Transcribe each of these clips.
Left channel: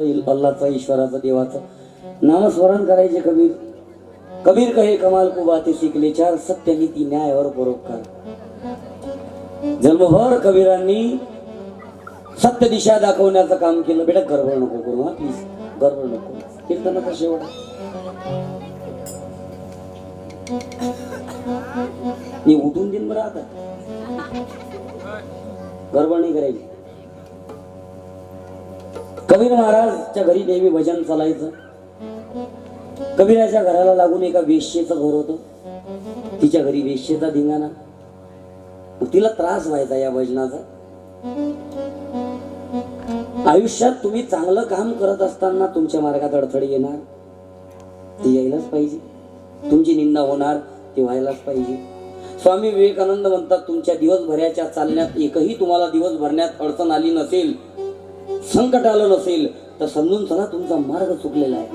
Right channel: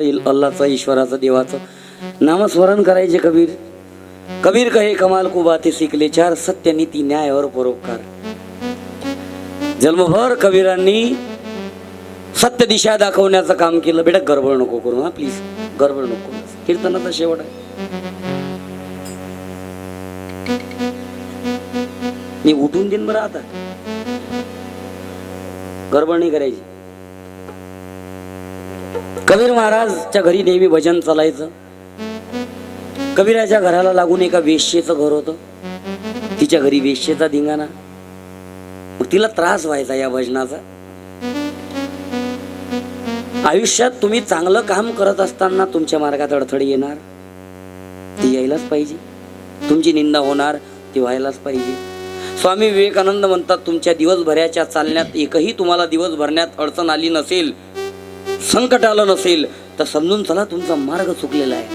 येईल अल्लाचं ईश्वराचं देवाचं. नामस्मरण करायचे कबीर. कबीर कहे कमाल को बाते शिकले चार सत्य नीती न्याय और परोपकार. जन्मभर कबीरांनी सत्य दिशा दाखवण्याचं काम केलं. बेटा गडबड नको करू हा प्लीज गडबड नको कीर्तनाचा शेवट. मी उठून देईन बरं आता. गडबड नाही करायची. कबीर महाराजच्या घरी नेहमी भजन चालायचं. कबीराच्या घराला लागून एका वेश्येचं घर होतं. तिच्या घरी वेश्येचा धिंगाणा. मग तिला त्रास व्हायचा या भजनाचा. आयुष्यात तुम्ही चांगलं काम करत असताना तुमच्या मार्गात अडथळे येणार. ती यायलाच पाहिजे. तुमची निंदा होणार ती व्हायलाच पाहिजे. स्वामी विवेकानंद म्हणतात तुमच्या दिवसभराच्या चालण्यात एकही तुम्हाला दिवस भरण्यात अडचण आली नसेल संकट आलं नसेल तर समजून चला तुमचा मार्ग चुकलेला आहे.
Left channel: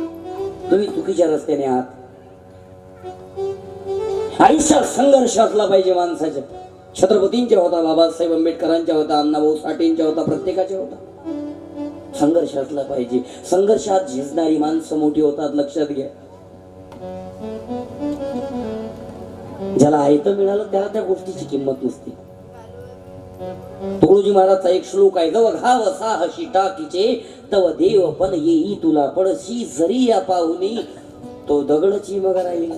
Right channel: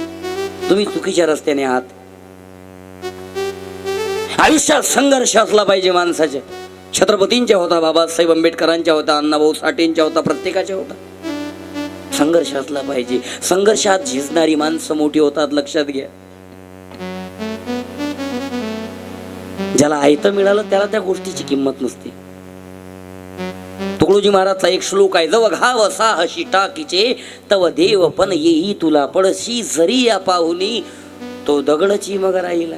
तुम्ही चुकीच्या रस्त्याने आहात. आयुष्यात संघर्ष असला पाहिजे माणसाचे. छत्रपतींच्या होता बाबासाहेब आंबेडकरांच्या होता अण्णाभाऊ साठेंच्या होता प्रत्येकाच्या होता. संघर्ष असला पाहिजे. संघर्षात झिजणारी माणसं मोठी होतात लक्षात घ्या. ज्याला आयतं मिळालं त्याला त्या गोष्टीची किंमत नसते. तुकडोजी महाराजचा एक श्लोक आहे जव घाव असा अशी टाकीचे तव देव पण येई तुला पडशी जरी या पाहुनी तो दगडची मग राहिला.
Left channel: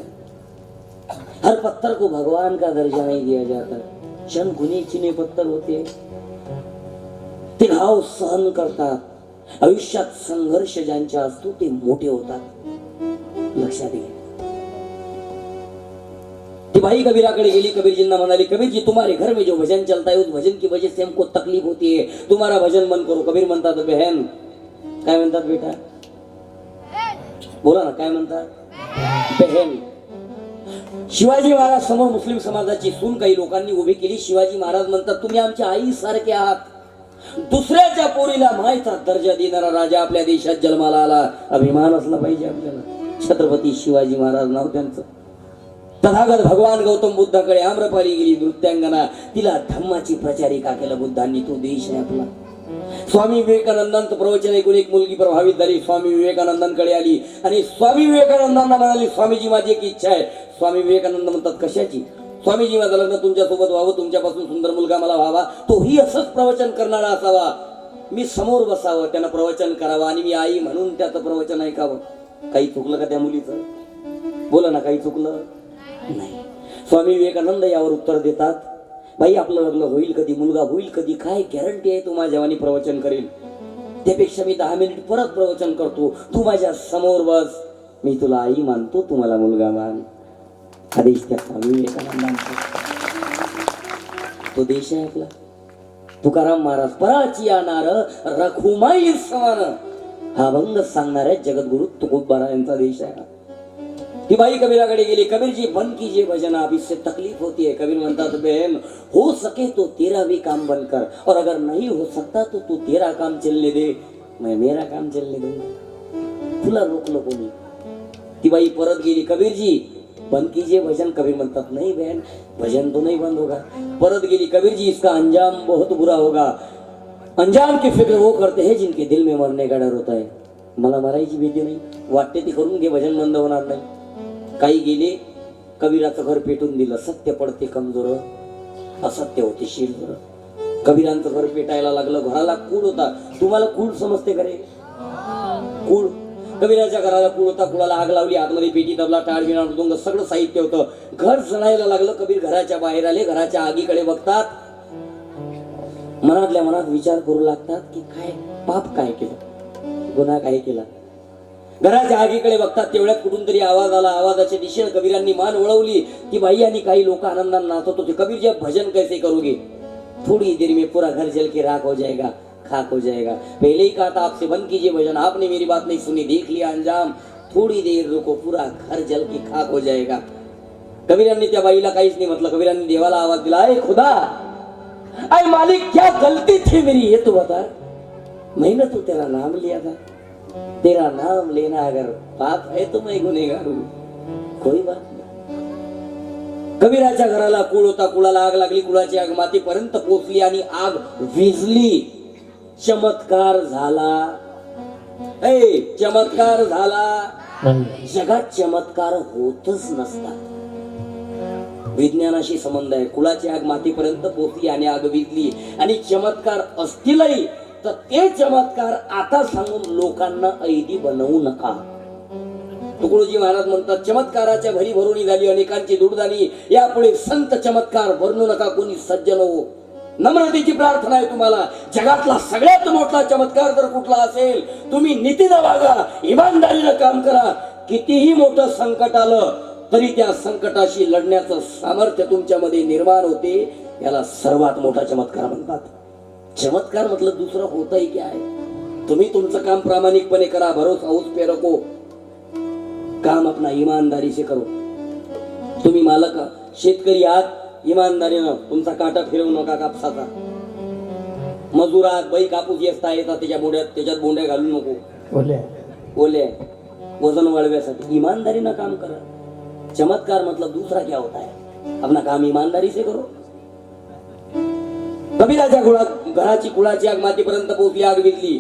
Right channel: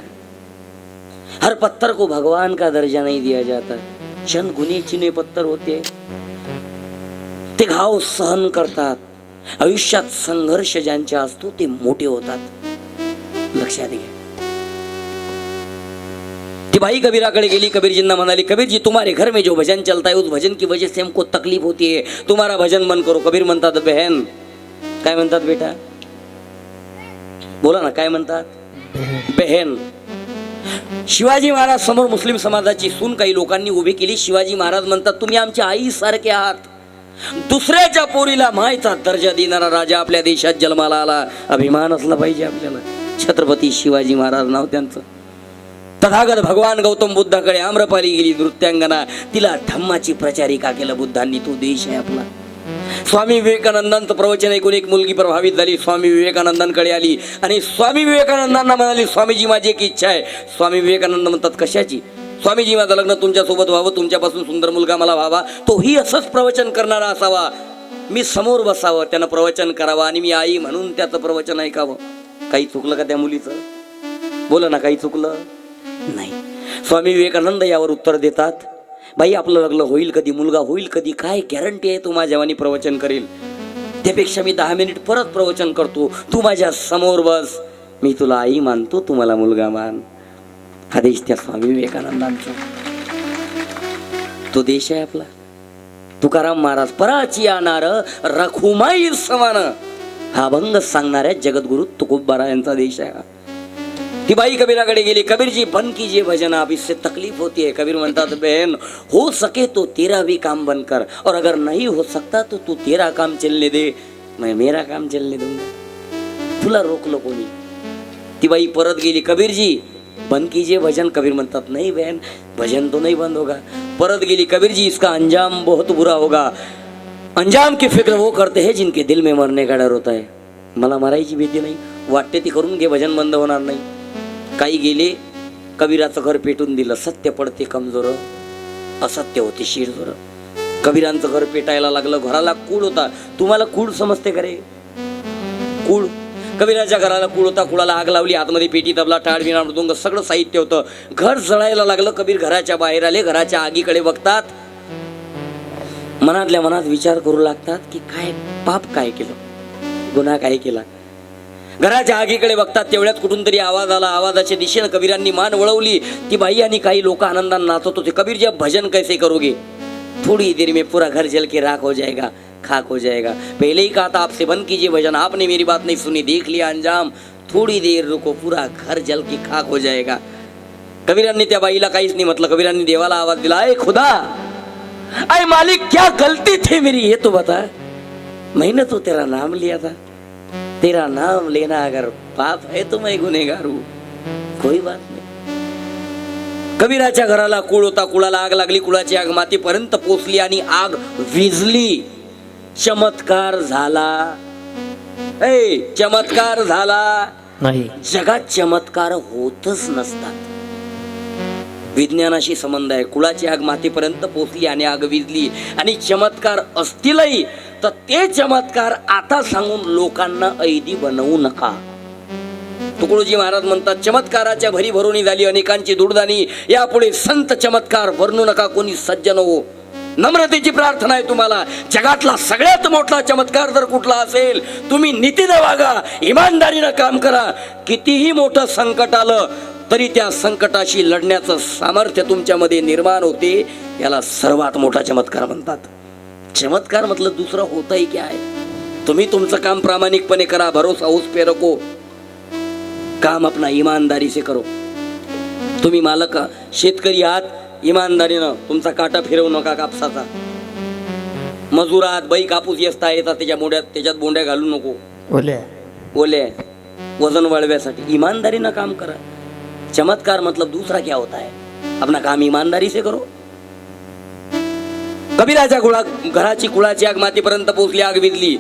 हर पत्थर को भगवान का दर्जा नहीं दिया जाता। क्षण गुने चिने पत्थर होते। ते घाव सहन करतात। आयुष्यात संघर्ष ज्यांचे असतो ते मोठे होतात। लक्षात घ्या। ती बाई कबीराकडे गेली कबीरजींना म्हणाली कबीरजी तुम्हारे घर में जो भजन चलता है उस भजन की वजह से हमको तकलीफ होती है। तुम्हारा भजन बंद करो। कबीर म्हणतात बहन काय म्हणतात बेटा? बोला ना काय म्हणतात? बहन. शिवाजी महाराज समोर मुस्लिम समाजाची सून काही लोकांनी उभी केली. शिवाजी महाराज म्हणतात तुम्ही आमच्या आई सारखे आहात. दुसऱ्याच्या पोरीला मायचा दर्जा देणारा राजा आपल्या देशात जन्माला आला. अभिमान असला पाहिजे आपल्याला. छत्रपती शिवाजी महाराज नाव त्यांचं. तथागत भगवान गौतम बुद्धाकडे आम्रपाली गेली नृत्यांगना. तिला धम्माची प्रचारिका केलं बुद्धांनी? तो देश आहे आपला. स्वामी विवेकानंदांचं प्रवचन ऐकून एक मुलगी प्रभावित झाली. स्वामी विवेकानंदांकडे आली. आणि स्वामी विवेकानंदांना म्हणाली स्वामीजी माझी एक इच्छा आहे. स्वामी विवेकानंद म्हणतात कशाची? स्वामीजी माझं लग्न तुमच्यासोबत व्हावं. तुमच्यापासून सुंदर मुलगा मला व्हावा. तोही असंच प्रवचन करणारा असावा. मी समोर बसावं. त्यानं प्रवचन करावं आणि मी आई म्हणून त्याचं प्रवचन ऐकावं. काही चुकलं का त्या मुलीचं? बोला ना काही चुकलं. नाही. स्वामी विवेकानंद यावर उत्तर देतात बाई आपलं लग्न होईल कधी मुलगा होईल कधी काय गॅरंटी आहे तू माझ्यावानी प्रवचन करेल? त्यापेक्षा मी दहा मिनिट परत प्रवचन करतो. तू माझ्यासमोर बस. मी तुला आई मानतो तुम्हाला मुलगा मान. हा देश त्या स्वामी विवेकानंदांचा तो देश आहे आपला. तुकाराम महाराज पराची आणार रखुमाई समान. हा अभंग सांगणाऱ्या जगद्गुरु तुकोबारा यांचा देश आहे हा. ती बाई कबीराकडे कबीर जी बन कीजिए भजन, आप इससे तकलीफ़ होती है। कबीर म्हणतात बहन, हो सके तो तेरा भी काम बंद कर और अगर नहीं हो सकता तो तू तेरा काम चलने दे। मैं मेरा काम चलने दूँगा। तुला रोकलो कोणी ती बाई परत गेली कबीरजी बंद कीजिए भजन। कबीर म्हणतात नहीं बहन, भजन तो नहीं बंद होगा। परत गेली कबीर जी, इसका अंजाम बहुत बुरा होगा। अंजाम की फ़िक्र वो करते हैं जिनके दिल में मरने का डर होता है। मला मरायची भीती नाही वाटते ती करून घे भजन बंद होणार नाही। काही गेले कबीराचं घर पेटून दिलं सत्य पडते कमजोर असत्य होते शिरजोर. कबीरांचं घर पेटायला लागलं घराला कूड होता. तुम्हाला कूड समजते करे रे? कूड. कबीराच्या घराला कूड होता कुळाला आग लावली आतमध्ये पेटी दबला टाळ विना मृदुंग सगळं साहित्य होतं. घर जळायला लागलं कबीर घराच्या बाहेर आले घराच्या आगीकडे बघतात. मनातल्या मनात विचार करू लागतात की काय पाप काय केलं? गुन्हा काय केला? घराच्या आगीकडे बघतात तेवढ्यात कुठून तरी आवाज आला. आवाजाच्या दिशेनं कबीरांनी मान वळवली. ती बाई आणि काही लोक आनंदाने नाचत होते. कबीर जब भजन कैसे करोगे? थोड़ी देर में पूरा घर जल के राख हो जाएगा खाक हो जाएगा. पहले ही कहा था आपसे बंद कीजिए भजन. आपने मेरी बात नहीं सुनी देख लिया अंजाम. थोड़ी देर रुको पूरा घर जल के खाक हो जाएगा. कबीरांनी त्या बाईला काहीच नाही म्हटलं. कबीरांनी देवाला आवाज दिला अय खुदा अय मालिक क्या गलती थी मेरी? ये तो बता मैंने तो तेरा नाम लिया था. तेरा नाम लेना अगर पाप है तो मैं गुनेगार हूं। कोई बात नाही। कबीराच्या घराला कुळ होता? कुळाला आग लागली कुळाची आग मातीपर्यंत पोचली आणि आग विजली चमत्कार झाला. ए चमत्कार झाला. नाही. जगात चमत्कार होतच नसतात. विज्ञानाशी संबंध आहे. कुळाची आग मातीपर्यंत पोचली आणि आग विजली आणि चमत्कार असतीलही. तर ते चमत्कार आता सांगून लोकांना ऐदी बनवू नका. तुकडोजी महाराज म्हणतात चमत्काराच्या भरी भरुणी झाली अनेकांची दुर्दानी. यापुढे संत चमत्कार भरणू नका कोणी सज्जन हो. नम्रतेची प्रार्थना आहे तुम्हाला. जगातला सगळ्यात मोठा चमत्कार जर कुठला असेल तुम्ही नीतीने वागा इमानदारीनं काम करा. कितीही मोठं संकट आलं तरी त्या संकटाशी लढण्याचं सामर्थ्य तुमच्यामध्ये निर्माण होते याला सर्वात मोठा चमत्कार म्हणतात. चमत्कार मतलब दुसरं होतही क्या आहे? तुम्ही तुमचं काम प्रामाणिकपणे करा भरोसा उस पे रखो काम अपना ईमानदारी से करो. तुम्ही मालक शेतकरी आहात इमानदारीनं तुमचा काटा फिरवू नका कापसाचा. मजूर आहात बाई कापूस येसता येतात त्याच्या मोड्यात त्याच्यात बोंड्या घालू नको. बोले ओले. वजन वाढव्यासाठी ईमानदारीनं काम करा. चमत्कार मतलब दूसरा क्या होता है अपना काम ईमानदारी से करो. कबीराच्या गुळात घराची कुळाची आग मातीपर्यंत पोहोचली आग विधली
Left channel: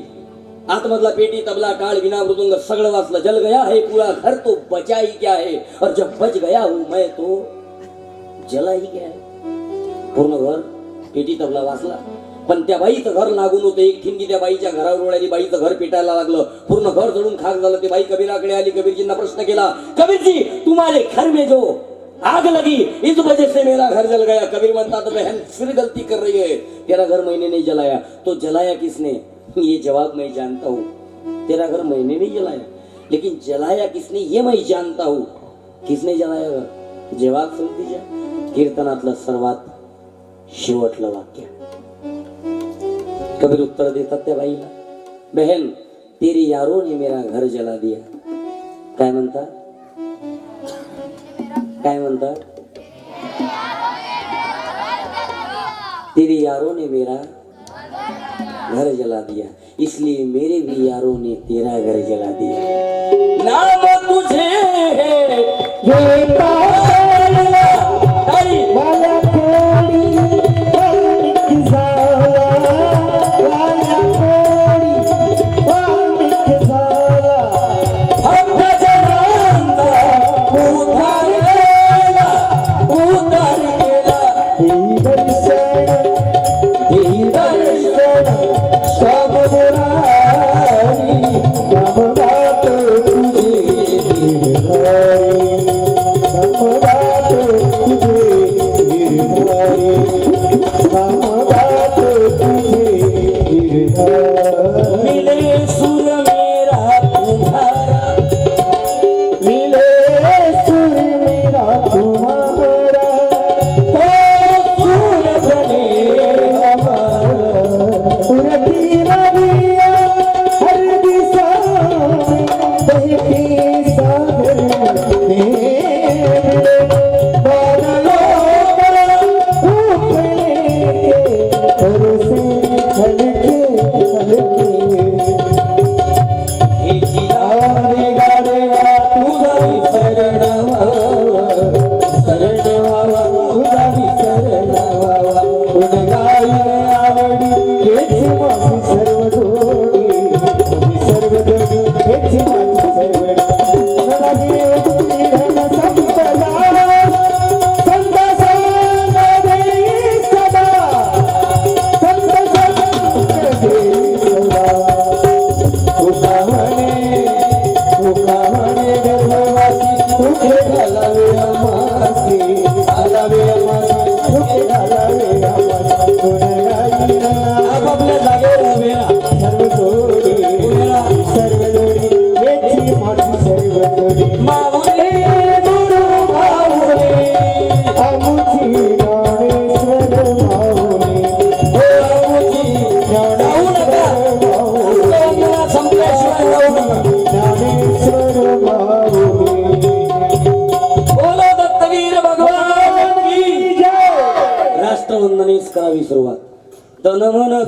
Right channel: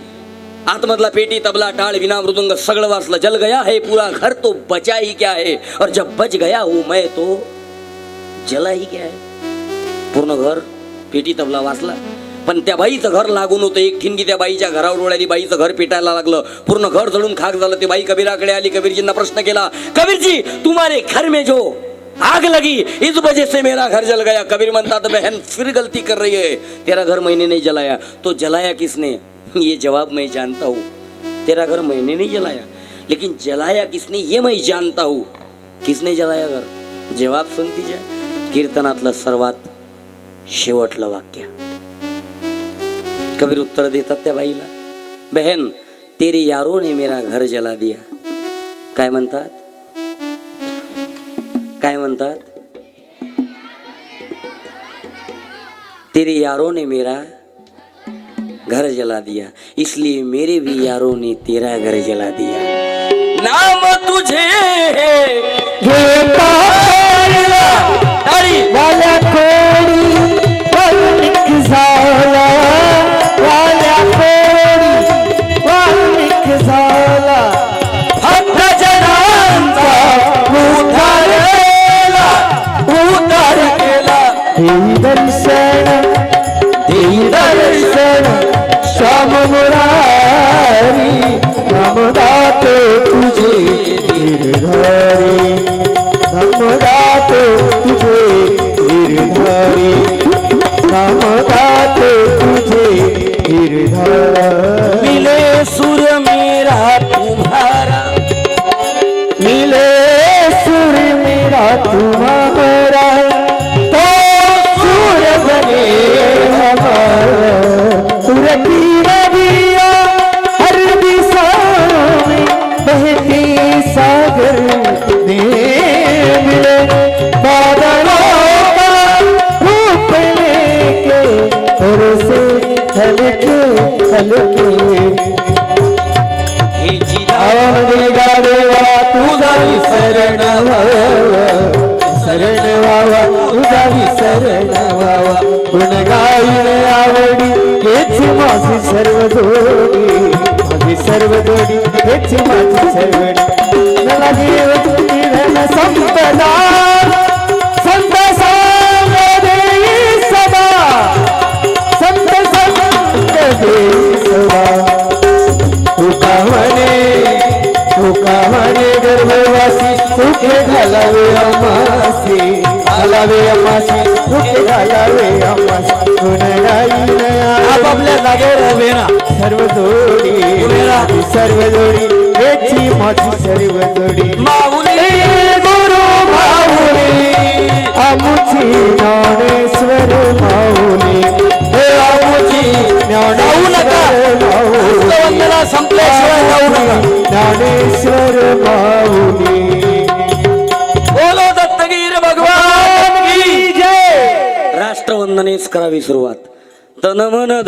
आतमधला पेटी तबला टाळ विना मृदंग सगळं वाचलं. जल गया है पूरा घर तो बचा ही क्या है? और जब बच गया हूं मैं तो जला ही क्या है? पूर्ण घर पेटी तबला वाचला. पण त्या बाईचं घर लागून होतं. एक ठिणगी त्या बाईच्या घरावर उडाली. बाईचं घर पेटायला लागलं. पूर्ण घर जळून खाक झालं. ते बाई कबीराकडे आली. कबीरजींना प्रश्न केला कबीरजी तुम्हाला घर में जो आग लगी। इस वजह से मेरा घर जल गया। कबीर म्हणतात बहन फिर गलती कर रही है। तेरा घर मैंने नहीं जलाया। तो जलाया किसने? ये जवाब मैं जानता हूँ। तेरा घर मैंने नहीं जलाया। लेकिन जलाया किसने ये मैं जानता हूँ। किसने जलाया घर? जवाब सुन तिच्या कीर्तनातलं सर्वात शेवटलं वाक्य। कबीर उत्तर देतात त्या बाईला बहन तेरी यारों ने मेरा घर जला दिया। काय म्हणतात? काय म्हणतात? तेरे यारों ने मेरा घर जला दिया इसलिए मेरे भी यारों ने तेरा घर जला दिया। नाम तुझे माझी सर्व जोडी माझी सर्व जोडी हेच माझी सर्व सर्व जोडी सर्व जोडी हेची माझी सर्व जोडी माऊली गुरु माऊली आमुची ज्ञानेश्वर माऊली. हे आमुची ज्ञानेश्वर माऊली वंदना संपल्याशिवाय जाऊ नका. ज्ञानेश्वर माऊली. बोलो दत्तगीर भगवान की जय. राष्ट्रवंदनेच करावी सुरुवात. तन मन